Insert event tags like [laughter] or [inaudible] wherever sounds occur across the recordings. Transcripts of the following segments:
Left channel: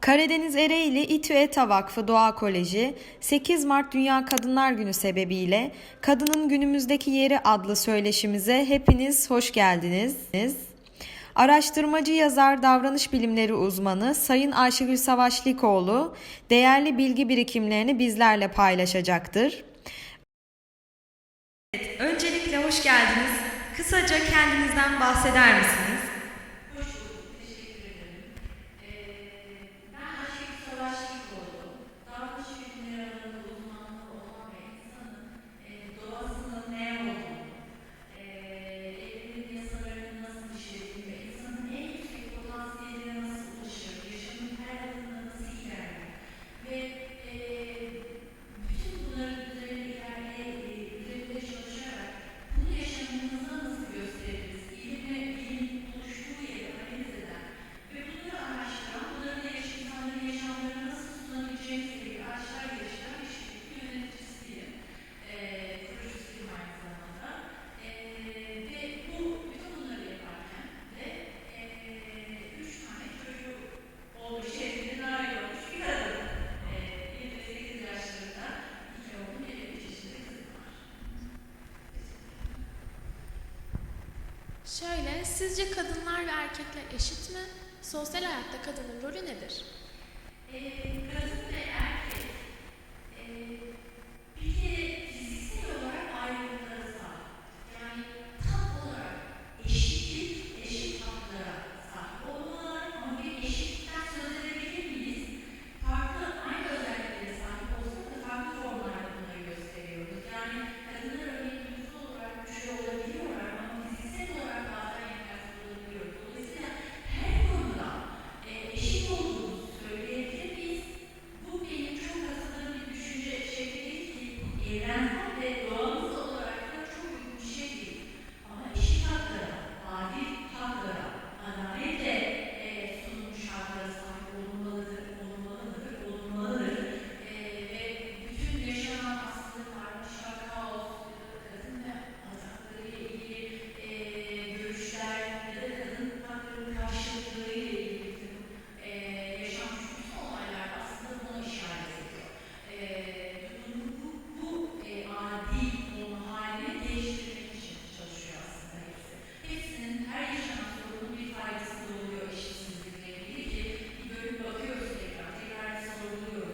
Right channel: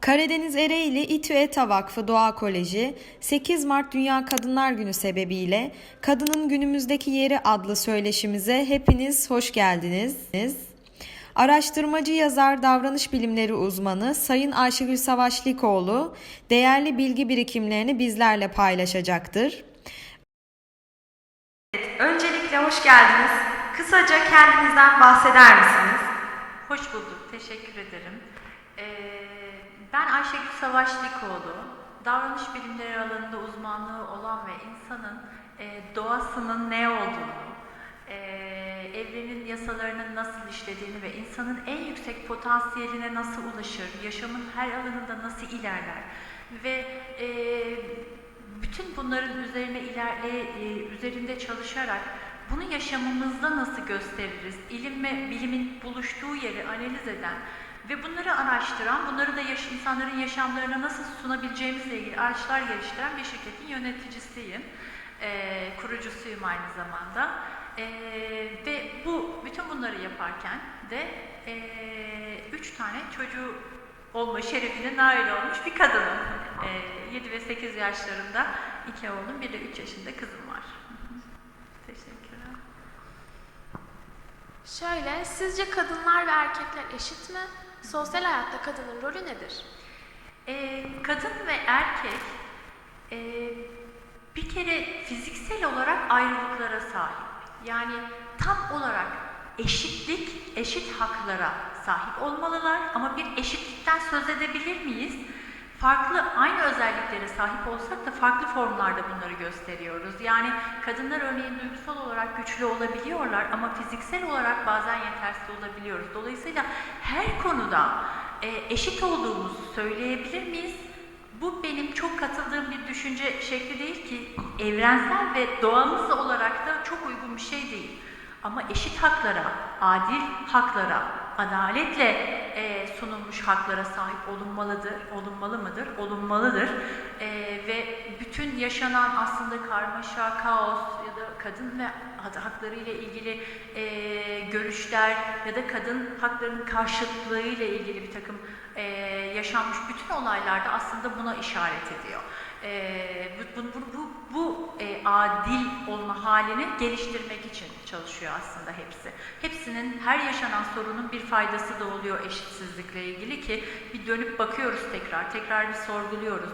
Karadeniz Ereğli İTÜ ETA Vakfı Doğa Koleji 8 Mart Dünya Kadınlar Günü sebebiyle Kadının Günümüzdeki Yeri adlı söyleşimize hepiniz hoş geldiniz. Araştırmacı yazar davranış bilimleri uzmanı Sayın Ayşegül Savaşlikoğlu değerli bilgi birikimlerini bizlerle paylaşacaktır. Öncelikle hoş geldiniz. Kısaca kendinizden bahseder misiniz? Hoş bulduk, teşekkür ederim. Ee, ben Ayşegül Savaşlikoğlu. Davranış bilimleri alanında uzmanlığı olan ve insanın e, doğasının ne olduğunu, e, evrenin yasalarının nasıl işlediğini ve insanın en yüksek potansiyeline nasıl ulaşır, yaşamın her alanında nasıl ilerler ve e, bütün bunların üzerine ilerle, e, üzerinde çalışarak bunu yaşamımızda nasıl gösteririz? İlim ve bilimin buluştuğu yeri analiz eden ve bunları araştıran, bunları da yaş insanların yaşamlarına nasıl sunabileceğimizle ilgili araçlar geliştiren bir şirketin yöneticisiyim. Ee, kurucusuyum aynı zamanda. Ee, ve bu bütün bunları yaparken de ee, üç tane çocuğu olma şerefine nail olmuş bir kadınım. Ee, 7 ve 8 yaşlarında iki oğlum, bir de 3 yaşında kızım var. Teşekkürler. Şöyle, sizce kadınlar ve erkekler eşit mi? Sosyal hayatta kadının rolü nedir? Ee, kadın ve erkek ee, bir kere fiziksel olarak ayrılıklara sahip. Yani tam olarak eşitlik, eşit haklara sahip olmalılar ama bir eşitlikten söz edebilir miyiz? Farklı, aynı özelliklere sahip olsak da farklı formlarda bunları gösteriyoruz. Yani kadınlar örneğin duygusal olarak güçlü olabiliyorlar ama fiziksel olarak bazen yetersiz olabiliyoruz. Dolayısıyla konuda e, eşit olduğumuzu söyleyebilir miyiz? Bu benim çok katıldığım bir düşünce şekli değil ki evrensel ve doğamızla olarak da çok uygun bir şey değil. Ama eşit haklara, adil haklara, adaletle e, sunulmuş haklara sahip olunmalıdır, olunmalı mıdır? Olunmalıdır. E, ve bütün yaşanan aslında karmaşa, kaos kadın ve hak- hakları ile ilgili e, görüşler ya da kadın haklarının karşıtlığı ile ilgili bir takım e, yaşanmış bütün olaylarda aslında buna işaret ediyor. E, bu, bu, bu, bu e, adil olma halini geliştirmek için çalışıyor aslında hepsi. Hepsinin her yaşanan sorunun bir faydası da oluyor eşitsizlikle ilgili ki bir dönüp bakıyoruz tekrar, tekrar bir sorguluyoruz.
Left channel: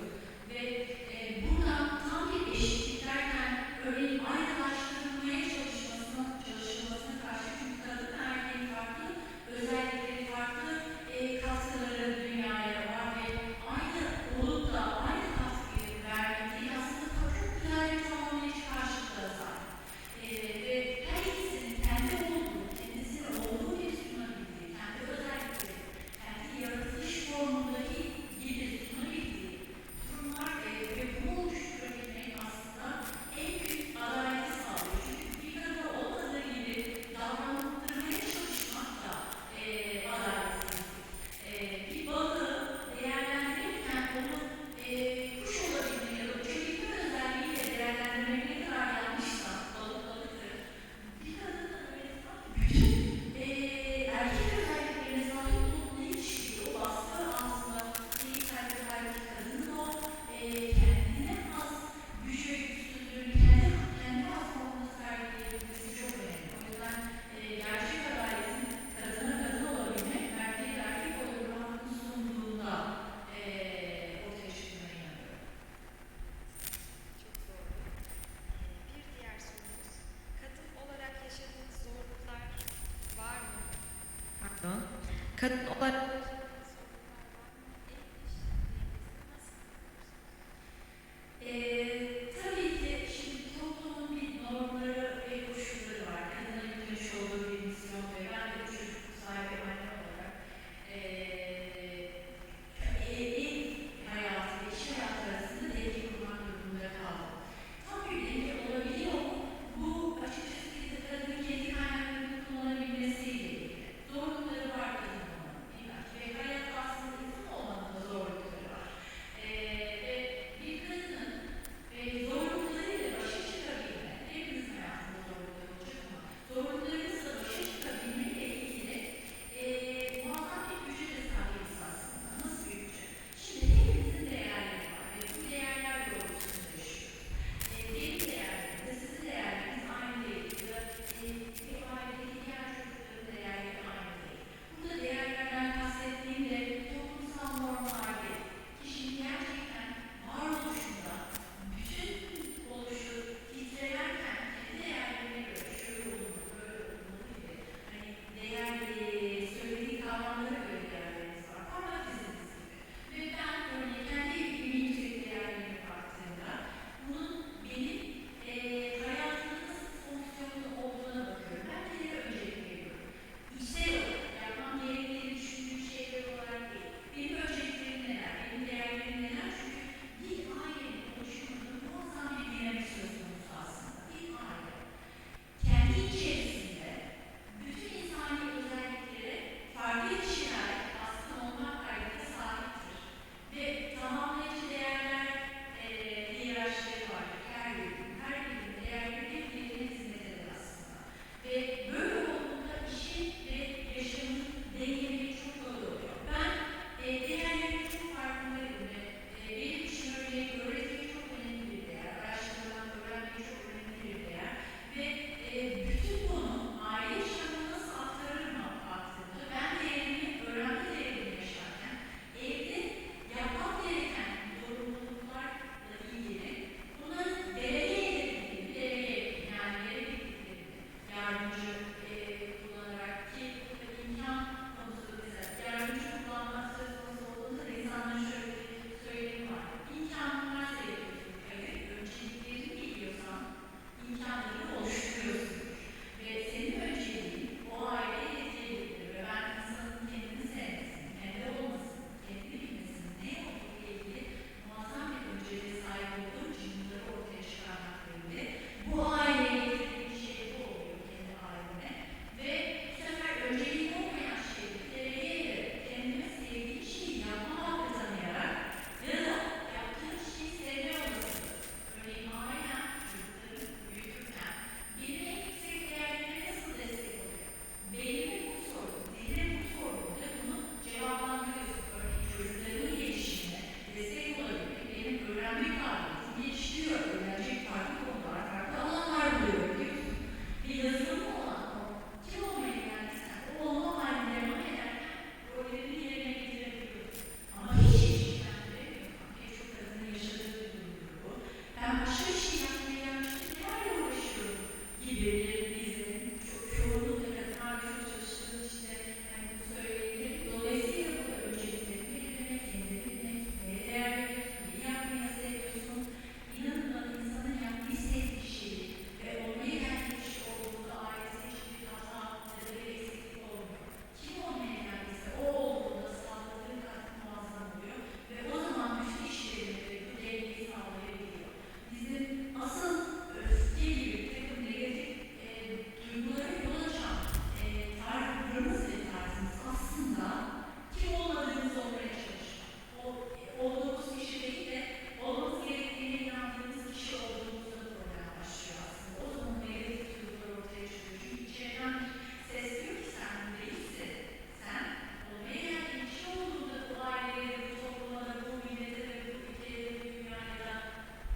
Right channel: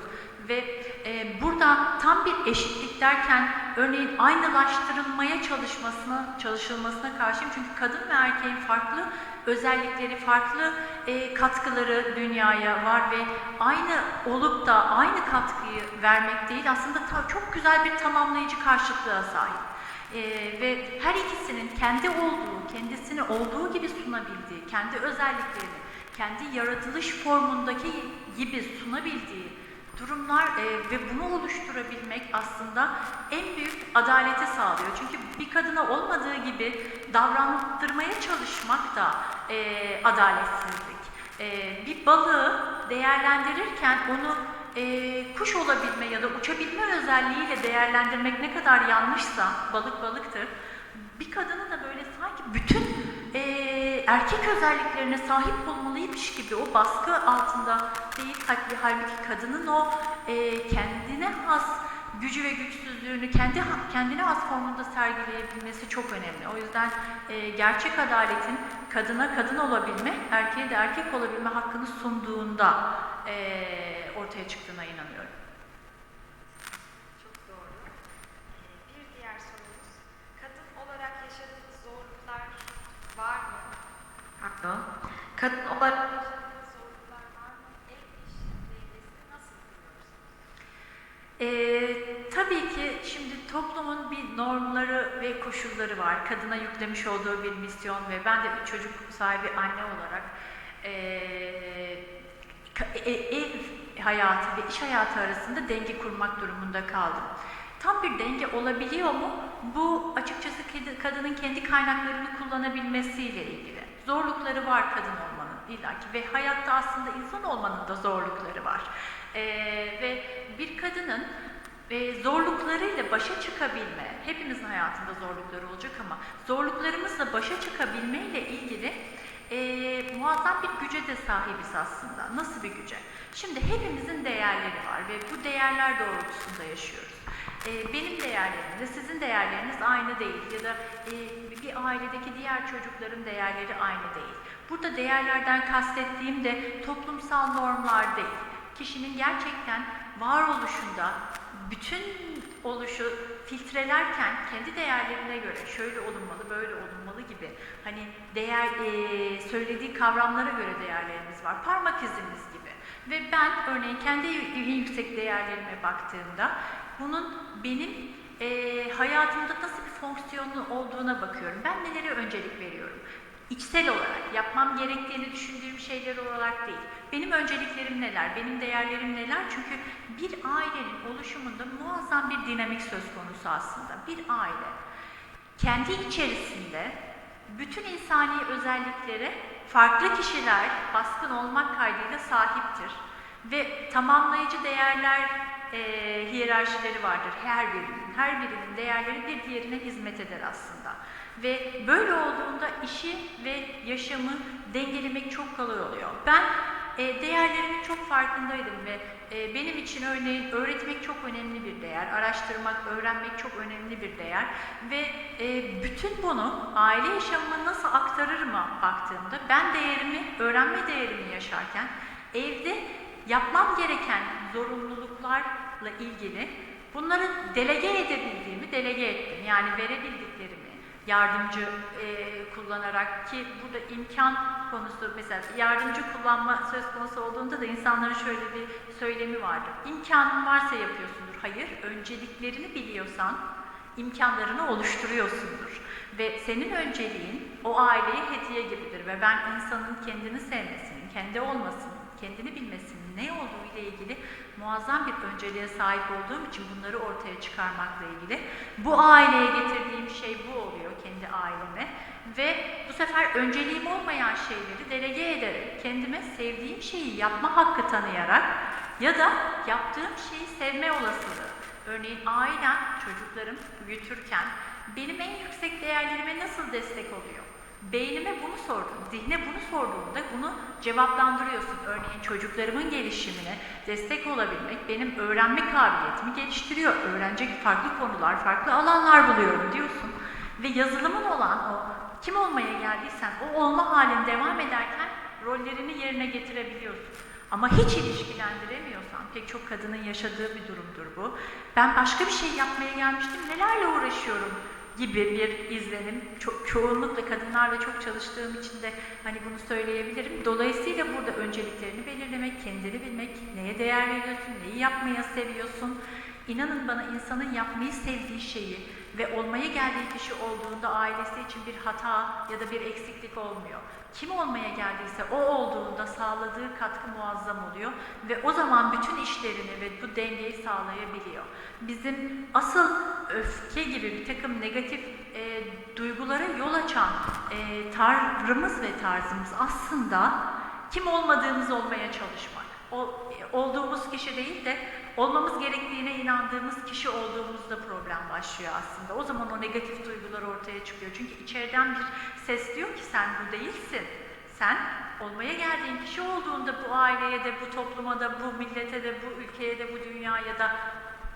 Ve e, burada tam bir eşitlik derken örneğin aynılaştırılmaya çalışmasına, çalışılmasına karşıyım. Çünkü kadın ve erkeğin farklı özellikleri, farklı e, katkıları dünyaya var ve aynı olup da aynı katkıyı vermek değil aslında çok güzel bir tamamlayıcı karşılığa sahip. E, ve her ikisinin kendi olduğu, kendisini olduğu gibi sunabildiği, kendi özellikleri, kendi yaratılış formundaki gibi sunabildiği durumlar e, ve bunu oluşturabilmek aslında en büyük adaleti sağlıyor. Çünkü bir kadına olmadığı gibi davranttırmaya çalışmak da e, adaletsizlik. E, bir balığı değerlendirirken onu e, kuş olabilme ya da uçabilme özelliğiyle değerlendirmek ne kadar yanlışsa balık balıktır. Bir kadını da böyle sanki bütün erkek özelliklerine sahip olmalıymış gibi o baskı altında değil halbuki, halbuki kadının o e, kendine has gücü ve güçsüzlüğünü kendi kendine has formunda sergileyebilmesi çok önemli. O yüzden e, gerçek adaletin kadına kadın olabilme, erkeğe de erkek olabilme hakkını sunduğunda e, ortaya çıktığına inanıyorum. Çok doğru. Ee, Bir diğer sorumuz, kadın olarak yaşadığınız zorluklar var mı? Pardon. Kadın olarak Yaşadığınız zorluklar var mı? Ev iş dengesini nasıl kuruyorsunuz? Ee, tabii ki şimdi toplumun bir normları ve koşulları var. Kadına yüklemiş olduğu bir misyon ve ben de bir çocuk sahibi anne olarak ee, ka- e- ev hayatı ve iş hayatı arasında denge kurmak durumunda kaldım. Tam bir denge olabiliyor mu? Bu açıkçası kadının kendi kaynaklarını kullanabilmesiyle ilgili. Zorlukları var kadın olmanın illaki ve hayatta aslında insan olmanın da zorlukları var. Ee, ve bir kadının e, zorluklarıyla başa çıkabilme, hepimizin hayatında zorlukları olacak ama zorluklarımızla başa çıkabilmeyle ilgili e, muazzam bir güce de sahibiz aslında. Nasıl bir güce? değerler doğrultusunda yaşıyoruz. Ee, benim değerlerimle sizin değerleriniz aynı değil ya da e, bir ailedeki diğer çocukların değerleri aynı değil. Burada değerlerden kastettiğim de toplumsal normlar değil. Kişinin gerçekten varoluşunda bütün oluşu filtrelerken kendi değerlerine göre şöyle olunmalı, böyle olunmalı gibi hani değer e, söylediği kavramlara göre değerlerimiz var. Parmak izimiz gibi. Ve ben örneğin kendi en yüksek değerlerime baktığımda bunun benim e, hayatımda nasıl bir fonksiyonu olduğuna bakıyorum. Ben nelere öncelik veriyorum? İçsel olarak, yapmam gerektiğini düşündüğüm şeyler olarak değil. Benim önceliklerim neler, benim değerlerim neler? Çünkü bir ailenin oluşumunda muazzam bir dinamik söz konusu aslında. Bir aile kendi içerisinde bütün insani özelliklere farklı kişiler baskın olmak kaydıyla sahiptir. Ve tamamlayıcı değerler e, hiyerarşileri vardır her birinin. Her birinin değerleri bir diğerine hizmet eder aslında. Ve böyle olduğunda işi ve yaşamı dengelemek çok kolay oluyor. Ben e, değerlerimin çok farkındaydım ve e, benim için örneğin öğretmek çok önemli bir değer, araştırmak, öğrenmek çok önemli bir değer ve e, bütün bunu aile yaşamıma nasıl aktarırıma baktığımda ben değerimi, öğrenme değerimi yaşarken evde yapmam gereken zorunluluklarla ilgili bunları delege edebildiğimi delege ettim. Yani verebildiklerimi yardımcı e, kullanarak ki burada imkan konusu mesela yardımcı kullanma söz konusu olduğunda da insanların şöyle bir söylemi vardır. İmkanın varsa yapıyorsundur. Hayır, önceliklerini biliyorsan imkanlarını oluşturuyorsundur. Ve senin önceliğin o aileye hediye gibidir ve ben insanın kendini sevmesini, kendi olmasını, kendini bilmesini, ne olduğu ile ilgili muazzam bir önceliğe sahip olduğum için bunları ortaya çıkarmakla ilgili. Bu aileye getirdiğim şey bu oluyor kendi aileme ve bu sefer önceliğim olmayan şeyleri delege ederek kendime sevdiğim şeyi yapma hakkı tanıyarak ya da yaptığım şeyi sevme olasılığı. Örneğin ailem, çocuklarım büyütürken benim en yüksek değerlerime nasıl destek oluyor? Beynime bunu sordum, zihne bunu sorduğumda bunu cevaplandırıyorsun. Örneğin çocuklarımın gelişimine destek olabilmek benim öğrenme kabiliyetimi geliştiriyor. Öğrenecek farklı konular, farklı alanlar buluyorum diyorsun. Ve yazılımın olan o kim olmaya geldiysen o olma halin devam ederken rollerini yerine getirebiliyorsun. Ama hiç ilişkilendiremiyorsan, pek çok kadının yaşadığı bir durumdur bu. Ben başka bir şey yapmaya gelmiştim, nelerle uğraşıyorum gibi bir izlenim. Çok, çoğunlukla kadınlarla çok çalıştığım için de hani bunu söyleyebilirim. Dolayısıyla burada önceliklerini belirlemek, kendini bilmek, neye değer veriyorsun, neyi yapmaya seviyorsun. İnanın bana insanın yapmayı sevdiği şeyi ve olmaya geldiği kişi olduğunda ailesi için bir hata ya da bir eksiklik olmuyor. Kim olmaya geldiyse o olduğunda sağladığı katkı muazzam oluyor ve o zaman bütün işlerini ve bu dengeyi sağlayabiliyor. Bizim asıl öfke gibi bir takım negatif e, duygulara yol açan e, tavrımız ve tarzımız aslında kim olmadığımız olmaya çalışmak. O, olduğumuz kişi değil de olmamız gerektiğine inandığımız kişi olduğumuzda problem başlıyor aslında. O zaman o negatif duygular ortaya çıkıyor. Çünkü içeriden bir ses diyor ki sen bu değilsin. Sen olmaya geldiğin kişi olduğunda bu aileye de, bu topluma da, bu millete de, bu ülkeye de, bu dünyaya da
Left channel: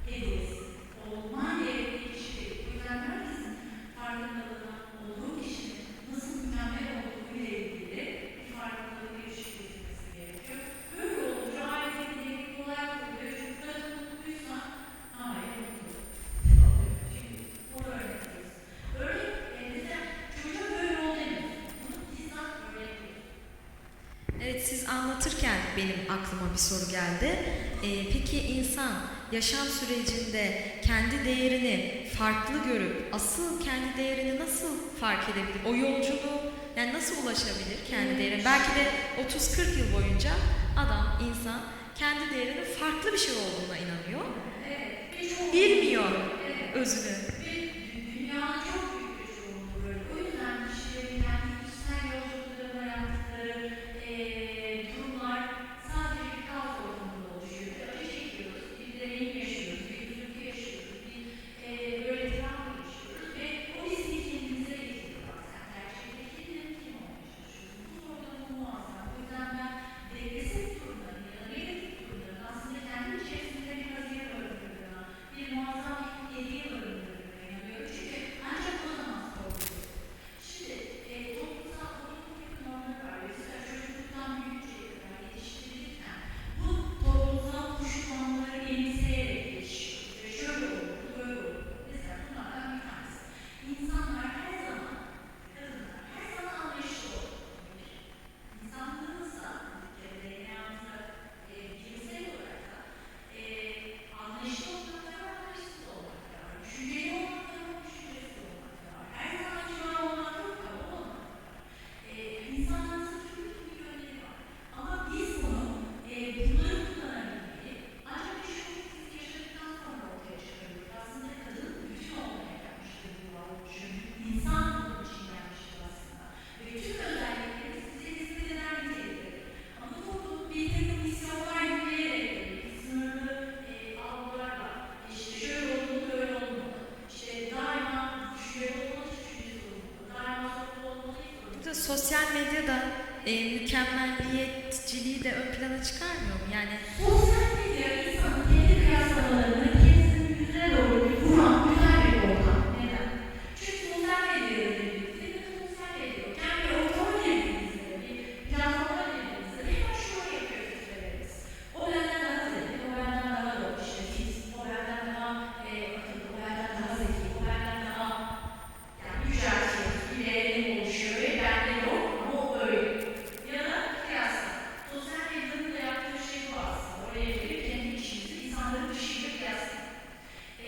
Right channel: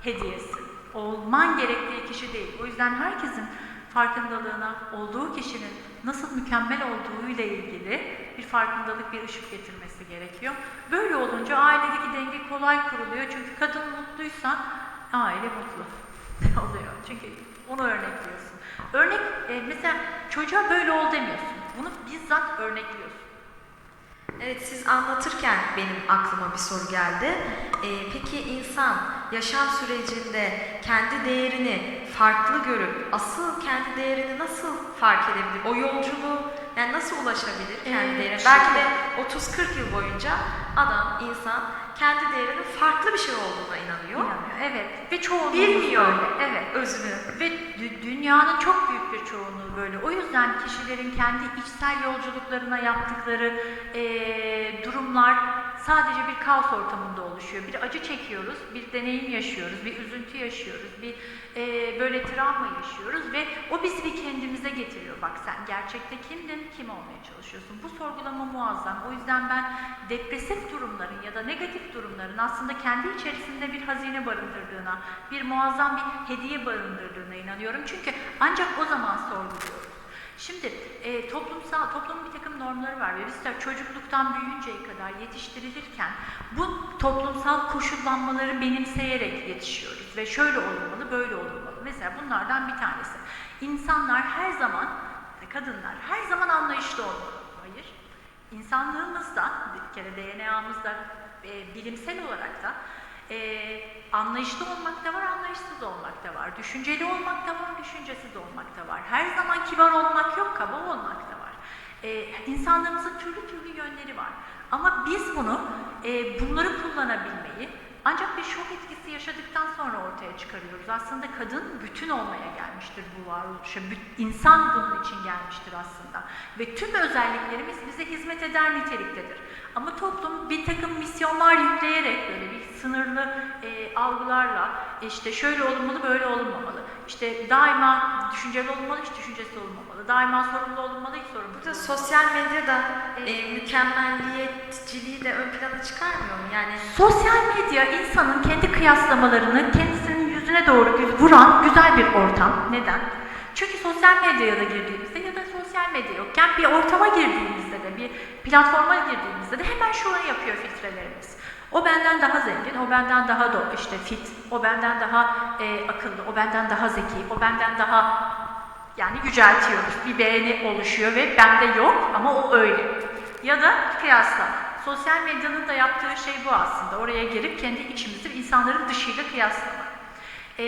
hediyesi. Olman gerektiği kişi değil. O yüzden herkesin farkındalığına olduğu kişinin nasıl mükemmel olduğu ile ilgili bir farkındalık, bir ışık getirmesi gerekiyor. Böyle olunca ailedeki denge kolay kuruluyor. Çünkü kadın mutluysa aile mutlu [laughs] oluyor. Çünkü onu örnekliyorsun. Örnek, e, mesela çocuğa böyle ol demiyorsun. Bunu bizzat örnekliyorsun. Evet siz anlatırken benim aklıma bir soru geldi. Ee, peki insan yaşam sürecinde kendi değerini farklı görüp asıl kendi değerini nasıl fark edebilir? O yolculuğu yani nasıl ulaşabilir kendi Ee, değerine? Belki de 30-40 yıl boyunca adam, insan kendi değerinin farklı bir şey olduğuna inanıyor. Yani, evet. Ve çoğunluğu Bilmiyor. Evet. Özünü. Ve dü- dünyanın çok büyük bir çoğunluğu. O yüzden kişilerin kendi içsel yolculuklarına yaptıkları eee, durumlar sadece bir kaos ortamında oluşuyor. Bir acı çekiyoruz, bir deneyim yaşıyoruz, bir üzüntü yaşıyoruz, bir eee, böyle travma yaşıyoruz ve o bizi bir kendimize getiriyor. Bak sen gerçekte kimdin, kim olmaya çalışıyorsun? Bu sorgulama muazzam. O yüzden ben depresif durumların ya da negatif durumların aslında kendi içerisinde bir hazine barındırdığına, bir muazzam bir hediye barındırdığına inanıyorum. Çünkü ancak o zaman. Şimdi e, toplumsal, toplumun bir takım normları var ve biz de çocukluktan büyüyünceye kadar yetiştirilirken bu toplumsal koşullanmaları benimseyerek yetişiyoruz ve şöyle olmalı, böyle olmalı. Mesela bunlardan bir tanesi. İnsanlar her zaman, kadınlar her zaman anlayışlı olmalı. Hayır. İnsanlığımızda, bir kere DNA'mızda e, bilimsel olarak da e, anlayışlı olmak da var, anlayışsız olmak da var. Düşünceli olmak da var, kibar olmak yok, kaba olmak da var. E, insanlığımızın türlü türlü yönleri var. Ama biz bunu, e, bunları kullanabilmeyi ancak bir şok etkisi yaşadıktan sonra ortaya çıkarıyoruz. Aslında kadın bütün olmaya gelmiştir bu varoluşa. İnsan bunun için gelmiştir aslında. Ve tüm özelliklerimiz bize hizmet eder niteliktedir. Ama toplum bir takım misyonlar yükleyerek böyle bir sınırlı e, algılarla işte şöyle olmalı böyle olmamalı. İşte daima düşünceli olmalı hiç düşüncesi olmamalı. Daima sorumlu olmalı hiç sorumlu Burada sosyal medyada e, mükemmelliyetçiliği de ön plana çıkarmıyor mu? Yani Sosyal medya insanın kendi kıyaslamalarını kendisinin yüzüne doğru vuran güzel bir ortam. Neden? Çünkü sosyal medyaya da girdiğimizde ya da sosyal medya yokken bir ortama girdiğimizde de bir platforma girdiğimizde de hemen şunu yapıyor filtrelerimiz. O benden daha zengin, o benden daha doğru işte fit, o benden daha e, benden daha zeki, o benden daha yani yüceltiyoruz. Bir beğeni oluşuyor ve bende yok ama o öyle. Ya da kıyaslama. Sosyal medyanın da yaptığı şey bu aslında. Oraya girip kendi içimizi insanların dışıyla kıyaslama. Ee,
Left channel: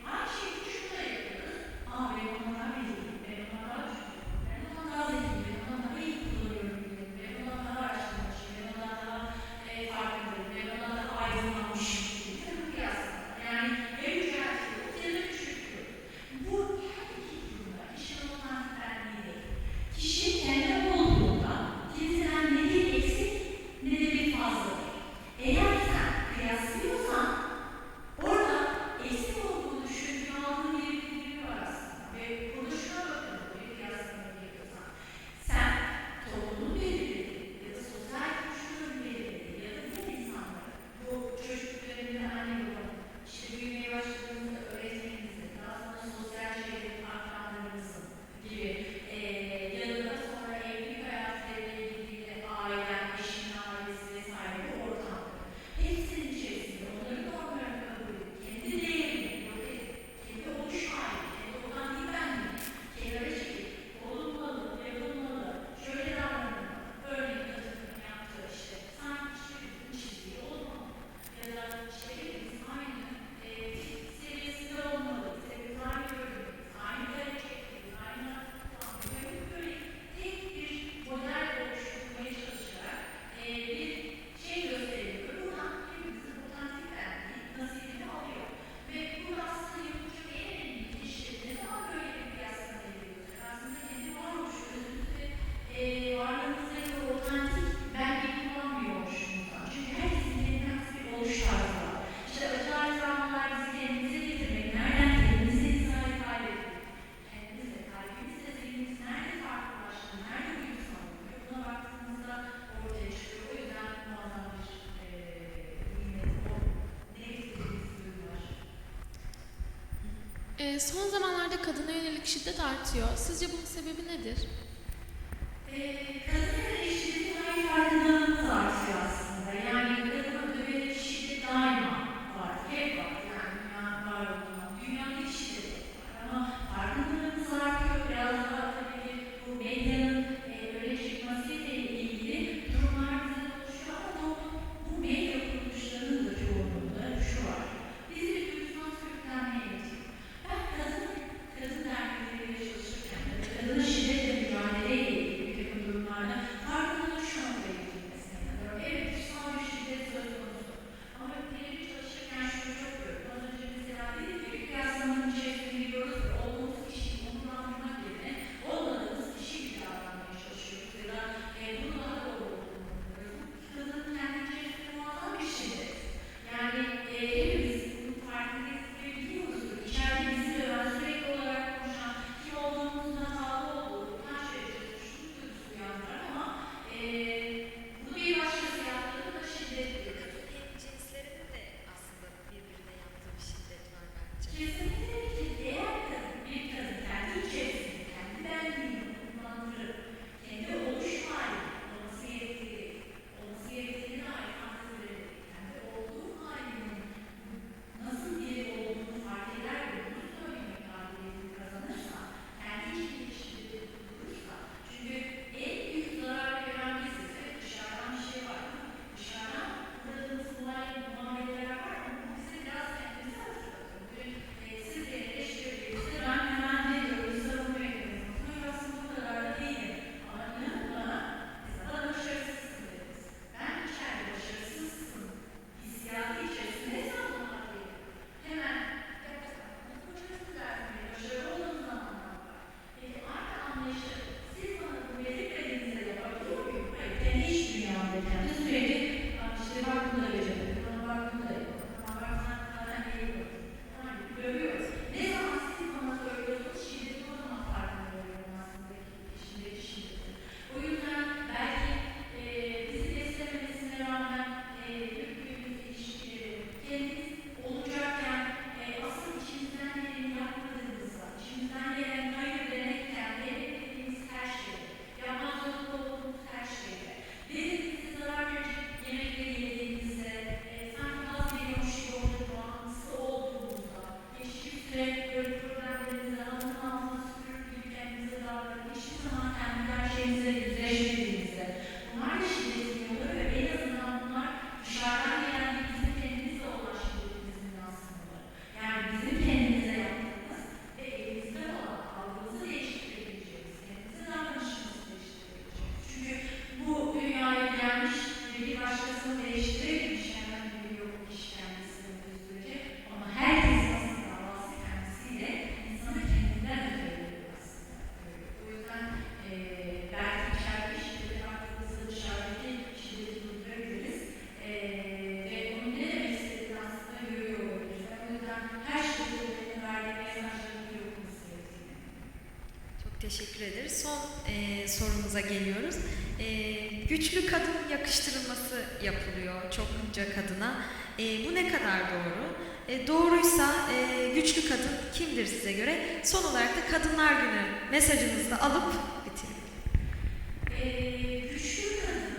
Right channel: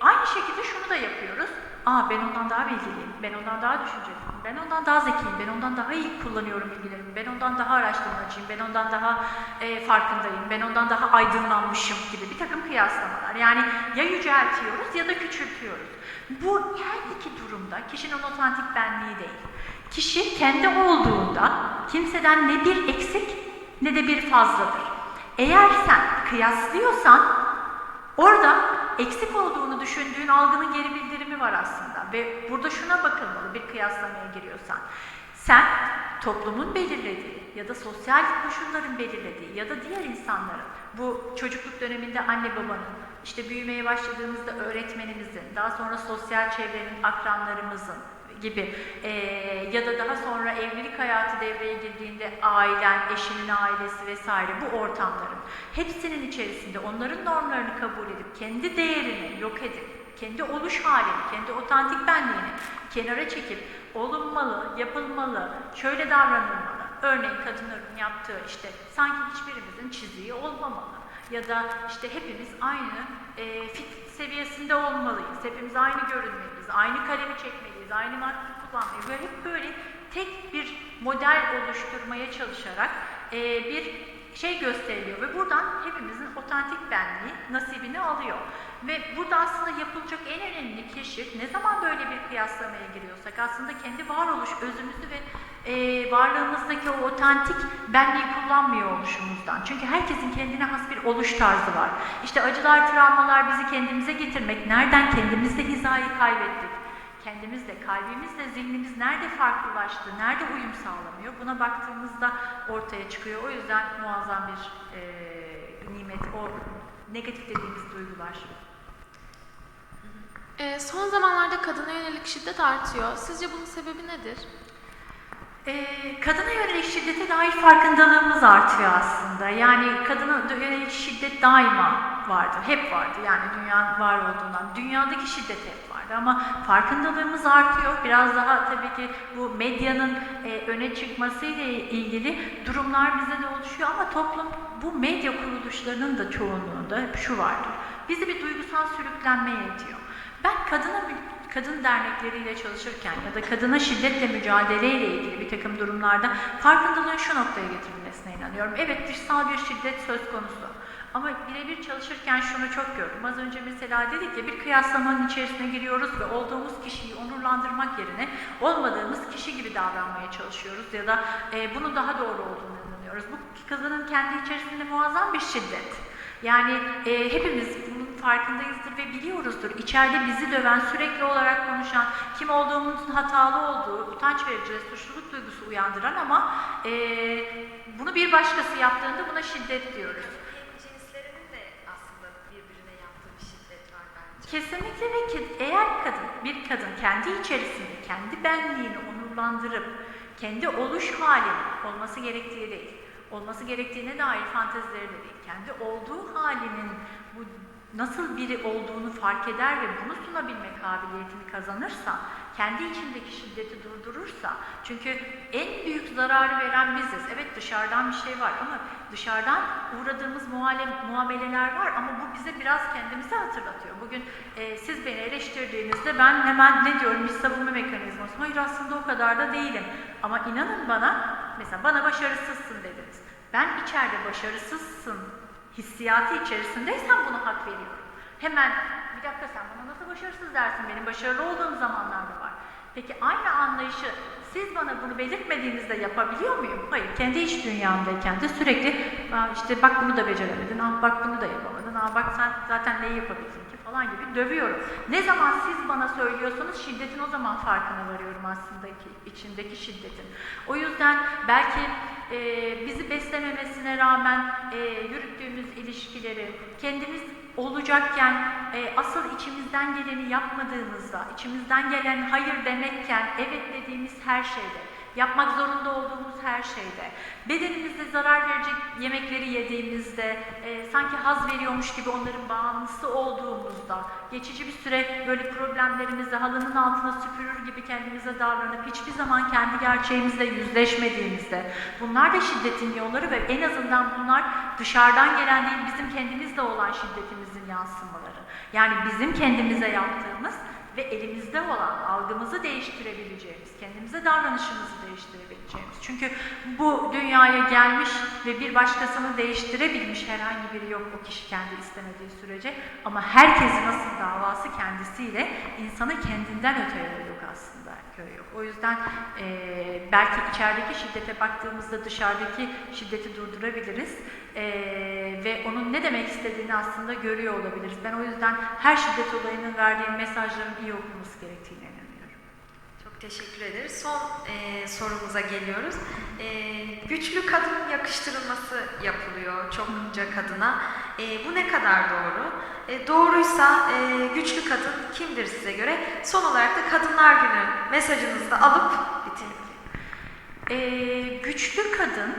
aynı şekilde şunu da yapıyoruz. Aa ben ondan daha bilgiliyim, ben ondan daha düşünceliyim, ben ondan daha zekiyim, ben ondan daha iyi kullanıyorum bilgilerimi, ben ondan daha araştırmacıyım, ben ondan daha e, farkındayım, ben ondan daha aydınlanmışım gibi bir takım kıyaslamalar. Yani ya yüceltiyoruz ya da küçültüyoruz. Bu her iki durumda kişinin otantik benliği değil. Kişi kendi olduğunda kimseden ne bir eksik ne de bir fazladır. Eğer sen kıyaslıyorsan orada eksik olduğunu düşündüğün algının geri bildirimi var aslında. Ve burada şuna bakılmalı bir kıyaslamaya giriyorsan. Sen toplumun belirlediği ya da sosyal koşulların belirlediği ya da diğer insanların bu çocukluk döneminde anne babanın, işte büyümeye başladığımızda öğretmenimizin, daha sonra sosyal çevrenin, akranlarımızın gibi eee, ya da daha sonra evlilik hayatı devreye girdiğinde ailen, eşinin ailesi vesaire bu ortamların hepsinin içerisinde onların normlarını kabul edip kendi değerini yok edip kendi oluş halini, kendi otantik benliğini kenara çekip olunmalı, yapılmalı, şöyle davranılmalı. Örnek kadınların yaptığı işte sanki hiçbirimizin çiziği olmamalı ya da işte hepimiz aynı e, fit seviyesinde olmalıyız. Hepimiz aynı görünmeliyiz, aynı kalemi çekmeliyiz, aynı marka kullanmalıyız. Böyle hep böyle tek bir model oluşturmaya çalışarak e, bir şey gösteriliyor ve buradan hepimizin otantik benliği nasibini alıyor. Ve burada aslında yapılacak en önemli keşif ne zaman böyle bir kıyaslamaya giriyorsak aslında kendi varoluş özümüzü ve e, varlığımızdaki o otantik benliği kullanmıyor oluşumuzdan. Çünkü herkesin kendine has bir oluş tarzı var. İşte acılar, travmalar bizi kendimize getirmek. Nereden kendimizle hizayı kaybettik? Kendimizle, kalbimizle, zihnimiz nerede farklılaştı? Nerede uyum sağlamıyor? Buna baktığımızda ortaya çıkıyor. O yüzden muazzam bir e, nimet, o negatif dediğimiz duygular. Ee, son zamanlarda kadına yönelik şiddet artıyor. Sizce bunun sebebi nedir? Ee, kadına yönelik şiddete dair farkındalığımız artıyor aslında. Yani kadına yönelik şiddet daima vardı, hep vardı. Yani dünyanın var olduğundan. Dünyadaki şiddet hep vardı ama farkındalığımız artıyor. Biraz daha tabii ki bu medyanın e, öne çıkmasıyla ilgili durumlar bize de oluşuyor ama toplum bu medya kuruluşlarının da çoğunluğunda hep şu vardı. Bizi bir duygusal sürüklenmeye itiyor. Ben kadına kadın dernekleriyle çalışırken ya da kadına şiddetle mücadeleyle ilgili bir takım durumlarda farkındalığın şu noktaya getirilmesine inanıyorum. Evet dışsal bir şiddet söz konusu. Ama birebir çalışırken şunu çok gördüm. Az önce mesela dedik ya bir kıyaslamanın içerisine giriyoruz ve olduğumuz kişiyi onurlandırmak yerine olmadığımız kişi gibi davranmaya çalışıyoruz ya da e, bunun daha doğru olduğunu inanıyoruz. Bu kadının kendi içerisinde muazzam bir şiddet. Yani e, hepimiz bunun farkındayızdır ve biliyoruzdur. İçeride bizi döven, sürekli olarak konuşan, kim olduğumuzun hatalı olduğu, utanç verici, suçluluk duygusu uyandıran ama e, bunu bir başkası yaptığında buna şiddet diyoruz. Cinslerin de aslında birbirine yaptığı şiddet var bence. Kesinlikle ve eğer kadın, bir kadın kendi içerisinde, kendi benliğini onurlandırıp, kendi oluş hali olması gerektiği değil, olması gerektiğine dair fantezileri değil, kendi olduğu halinin nasıl biri olduğunu fark eder ve bunu sunabilme kabiliyetini kazanırsa, kendi içindeki şiddeti durdurursa, çünkü en büyük zararı veren biziz. Evet dışarıdan bir şey var ama dışarıdan uğradığımız muameleler var ama bu bize biraz kendimizi hatırlatıyor. Bugün e, siz beni eleştirdiğinizde ben hemen ne diyorum bir savunma mekanizması. Hayır aslında o kadar da değilim. Ama inanın bana, mesela bana başarısızsın dediniz. Ben içeride başarısızsın hissiyatı içerisindeysem buna hak veriyorum. Hemen bir dakika sen bana nasıl başarısız dersin benim başarılı olduğum zamanlar da var. Peki aynı anlayışı siz bana bunu belirtmediğinizde yapabiliyor muyum? Hayır. Kendi iç dünyamdayken de sürekli "Aa, işte bak bunu da beceremedin, aa, bak bunu da yapamadın, aa, bak sen zaten neyi yapabildin ki falan gibi dövüyorum. Ne zaman siz bana söylüyorsanız şiddetin o zaman farkına varıyorum aslında ki içindeki şiddetin. O yüzden belki e, bizi beslememesine rağmen e, yürüttüğümüz ilişkileri kendimiz olacakken e, asıl içimizden geleni yapmadığımızda, içimizden gelen hayır demekken evet dediğimiz her şeyde, yapmak zorunda olduğumuz her şeyde, bedenimize zarar verecek yemekleri yediğimizde, e, sanki haz veriyormuş gibi onların bağımlısı olduğumuzda, geçici bir süre böyle problemlerimizi halının altına süpürür gibi kendimize davranıp hiçbir zaman kendi gerçeğimizle yüzleşmediğimizde, bunlar da şiddetin yolları ve en azından bunlar dışarıdan gelen değil bizim kendimizde olan şiddetimizin yansımaları. Yani bizim kendimize yaptığımız ve elimizde olan algımızı değiştirebileceğimiz, kendimize davranışımızı değiştirebileceğimiz. Çünkü bu dünyaya gelmiş ve bir başkasını değiştirebilmiş herhangi biri yok o kişi kendi istemediği sürece. Ama herkesin asıl davası kendisiyle insanı kendinden öteye yok aslında yok. O yüzden eee, belki içerideki şiddete baktığımızda dışarıdaki şiddeti durdurabiliriz. Eee, ve onun ne demek istediğini aslında görüyor olabiliriz. Ben o yüzden her şiddet olayının verdiği mesajların iyi okunması gerektiğine inanıyorum. Çok teşekkür ederiz. Son e, sorumuza geliyoruz. E, güçlü kadın yakıştırılması yapılıyor çokça kadına. E, bu ne kadar doğru? E, doğruysa e, güçlü kadın kimdir size göre? Son olarak da Kadınlar Günü mesajınızı da alıp bitirelim. Ee, güçlü kadın,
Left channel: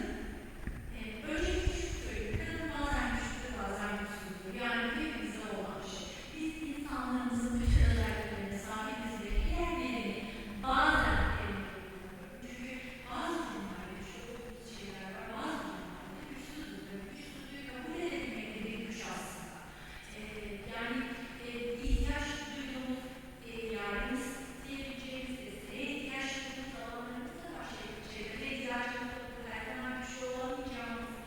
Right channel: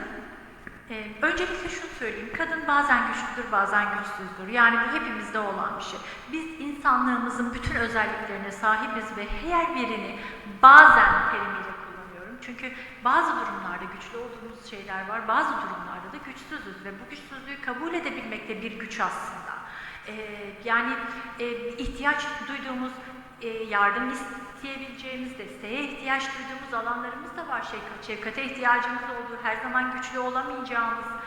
e, öncelikle şunu söyleyeyim, kadın bazen güçlüdür, bazen güçsüzdür. Yani hepimizde olan bir şey. Biz insanlığımızın bütün özelliklerine sahibiz ve her birini bazen terimiyle kullanıyorum. Çünkü bazı durumlarda güçlü olduğumuz şeyler var, bazı durumlarda da güçsüzüz ve bu güçsüzlüğü kabul edebilmek de bir güç aslında. Ee, yani e, ihtiyaç duyduğumuz e, yardım isteyebileceğimiz, desteğe ihtiyaç duyduğumuz alanlarımız da var. Şefkat, şefkate ihtiyacımız olduğu, her zaman güçlü olamayacağımız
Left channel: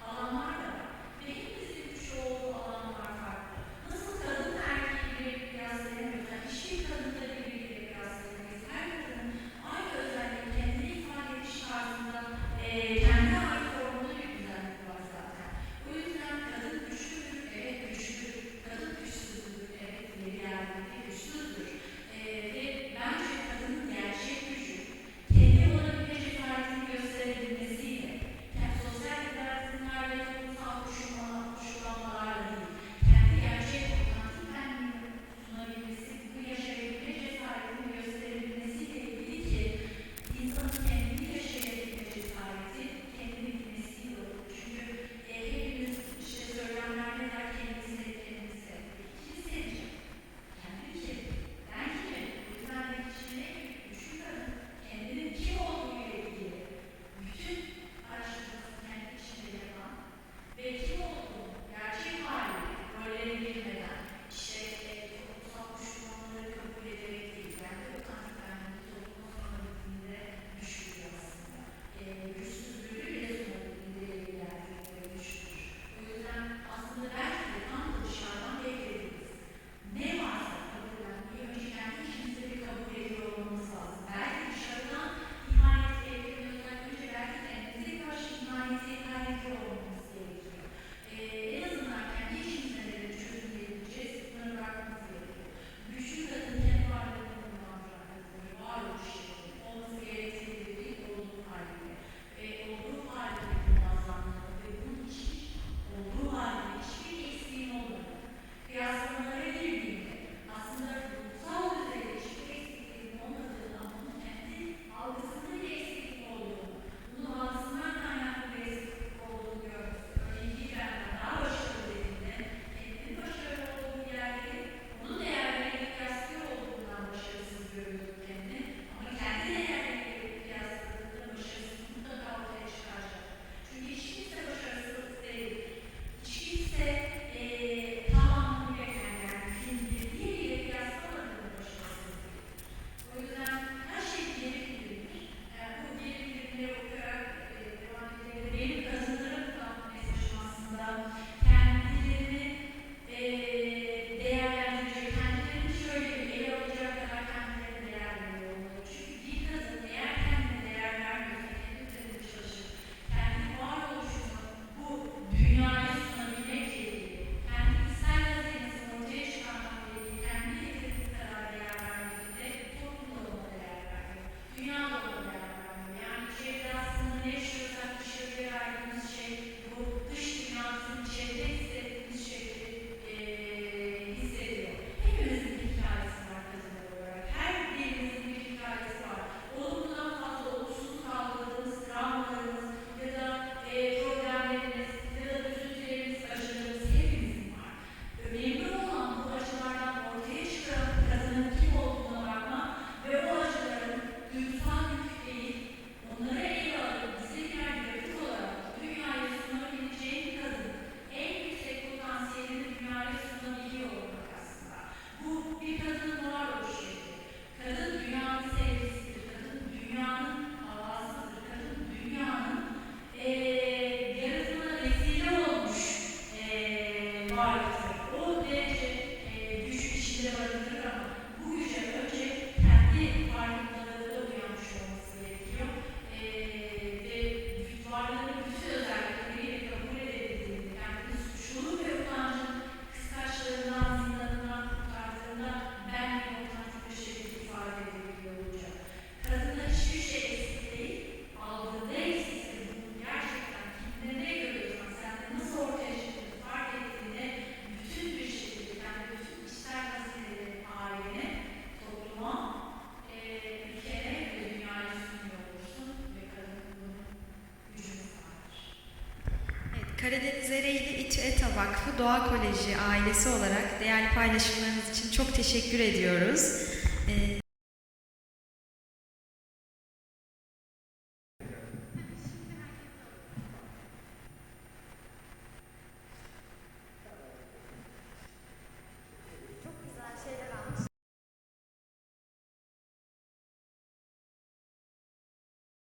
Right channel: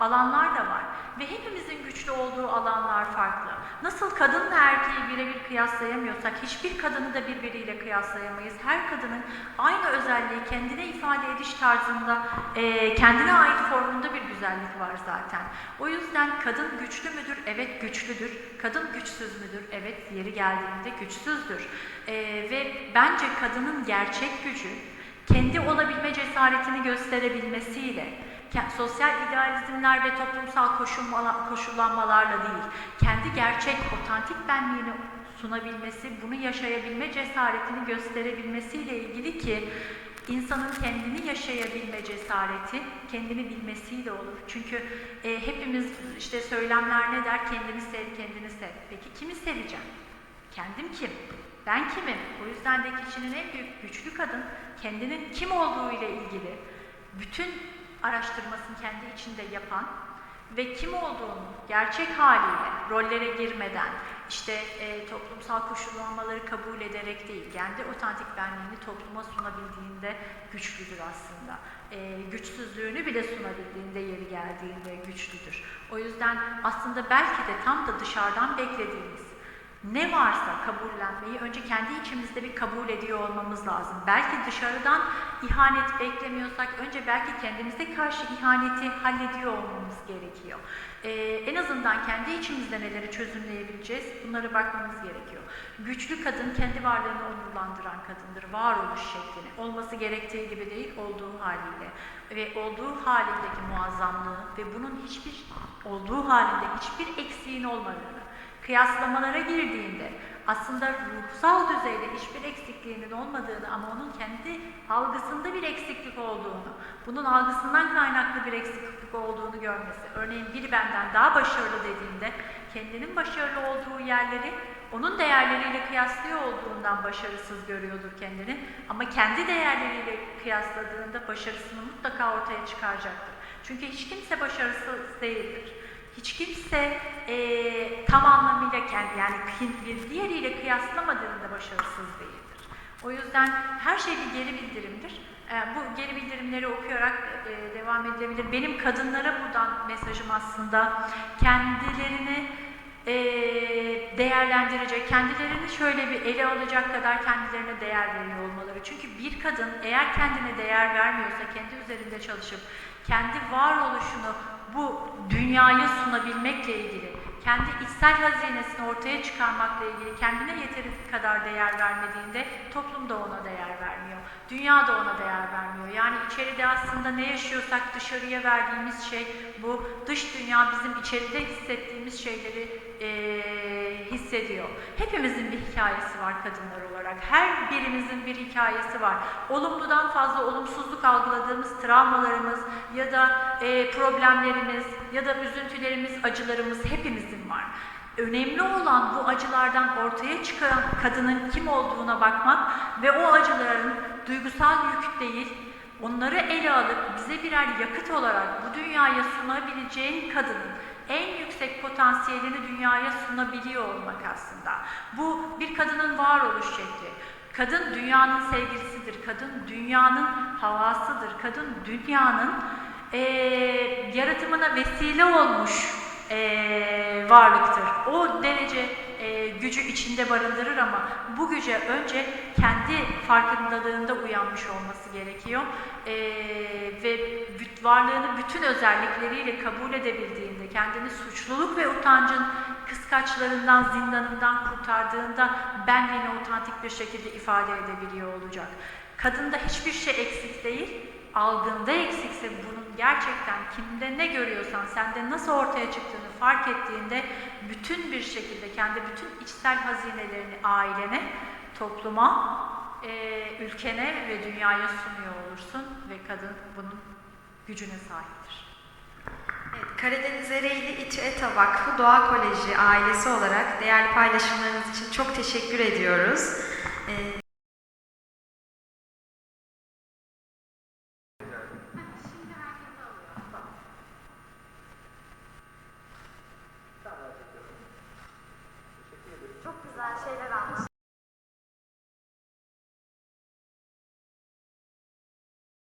alanlar da var. Ve hepimizin güçlü olduğu alanlar farklı. Nasıl kadınla erkeği birebir kıyaslayamıyorsak, hiçbir kadını da birbiriyle kıyaslayamayız. Her kadının aynı özelliği kendine ifade ediş tarzında, e, kendine ait formunda bir güzellik var zaten. O yüzden kadın güçlü müdür? Evet güçlüdür. Kadın güçsüz müdür? Evet yeri geldiğinde güçsüzdür. Ee, ve bence kadının gerçek gücü kendi olabilme cesaretini gösterebilmesiyle, sosyal idealizmler ve toplumsal koşullanmalarla değil, kendi gerçek, otantik benliğini sunabilmesi, bunu yaşayabilme cesaretini gösterebilmesiyle ilgili ki insanın kendini yaşayabilme cesareti kendini bilmesiyle olur. Çünkü e, hepimiz işte söylemler ne der? Kendini sev, kendini sev. Peki kimi seveceğim? Kendim kim? Ben kimim? O yüzden de kişinin en büyük güçlü kadın kendinin kim olduğu ile ilgili bütün araştırmasını kendi içinde yapan ve kim olduğunu gerçek haliyle rollere girmeden işte e, toplumsal koşullanmaları kabul ederek değil, kendi otantik benliğini topluma sunabildiğinde güçlüdür aslında. E, güçsüzlüğünü bile sunabildiğinde yeri geldiğinde güçlüdür. O yüzden aslında belki de tam da dışarıdan beklediğimiz ne varsa kabullenmeyi önce kendi içimizde bir kabul ediyor olmamız lazım. Belki dışarıdan ihanet beklemiyorsak önce belki kendimize karşı ihaneti hallediyor olmamız gerekiyor. Ee, en azından kendi içimizde neleri çözümleyebileceğiz bunlara bakmamız gerekiyor. Güçlü kadın kendi varlığını onurlandıran kadındır. Varoluş şeklini. Olması gerektiği gibi değil, olduğu haliyle. Ve olduğu halindeki muazzamlığı ve bunun hiçbir olduğu halinde hiçbir eksiğin olmadığını, kıyaslamalara girdiğinde aslında ruhsal düzeyde hiçbir eksikliğinin olmadığını ama onun kendi algısında bir eksiklik olduğunu, bunun algısından kaynaklı bir eksiklik olduğunu görmesi. Örneğin biri benden daha başarılı dediğinde kendinin başarılı olduğu yerleri onun değerleriyle kıyaslıyor olduğundan başarısız görüyordur kendini. Ama kendi değerleriyle kıyasladığında başarısını mutlaka ortaya çıkaracaktır. Çünkü hiç kimse başarısız değildir. Hiç kimse eee tam anlamıyla kendi yani bir- diğeriyle kıyaslamadığında başarısız değildir. O yüzden her şey bir geri bildirimdir. Ee, bu geri bildirimleri okuyarak e, devam edilebilir. Benim kadınlara buradan mesajım aslında kendilerini e, değerlendirecek, kendilerini şöyle bir ele alacak kadar kendilerine değer veriyor olmaları. Çünkü bir kadın eğer kendine değer vermiyorsa, kendi üzerinde çalışıp kendi varoluşunu bu dünyaya sunabilmekle ilgili, kendi içsel hazinesini ortaya çıkarmakla ilgili kendine yeteri kadar değer vermediğinde toplum da ona değer vermiyor. Dünya da ona değer vermiyor. Yani içeride aslında ne yaşıyorsak dışarıya verdiğimiz şey bu. Dış dünya bizim içeride hissettiğimiz şeyleri eee, hissediyor. Hepimizin bir hikayesi var kadınlar olarak. Her birimizin bir hikayesi var. Olumludan fazla olumsuzluk algıladığımız travmalarımız ya da eee, problemlerimiz ya da üzüntülerimiz, acılarımız hepimizin. Önemli olan bu acılardan ortaya çıkan kadının kim olduğuna bakmak ve o acıların duygusal yük değil, onları ele alıp bize birer yakıt olarak bu dünyaya sunabileceğin kadının en yüksek potansiyelini dünyaya sunabiliyor olmak aslında. Bu bir kadının varoluş şekli. Kadın dünyanın sevgilisidir, kadın dünyanın havasıdır, kadın dünyanın eee, yaratımına vesile olmuş eee, varlıktır. O derece eee, gücü içinde barındırır ama bu güce önce kendi farkındalığında uyanmış olması gerekiyor. Eee, ve varlığını bütün özellikleriyle kabul edebildiğinde, kendini suçluluk ve utancın kıskaçlarından, zindanından kurtardığında benliğini otantik bir şekilde ifade edebiliyor olacak. Kadında hiçbir şey eksik değil, algında eksikse bunun gerçekten kimde ne görüyorsan, sende nasıl ortaya çıktığını fark ettiğinde bütün bir şekilde kendi bütün içsel hazinelerini ailene, topluma, eee, ülkene ve dünyaya sunuyor olursun ve kadın bunun gücüne sahiptir. Evet, Karadeniz Ereğli İTÜ ETA Vakfı Doğa Koleji ailesi olarak değerli paylaşımlarınız için çok teşekkür ediyoruz. Ee,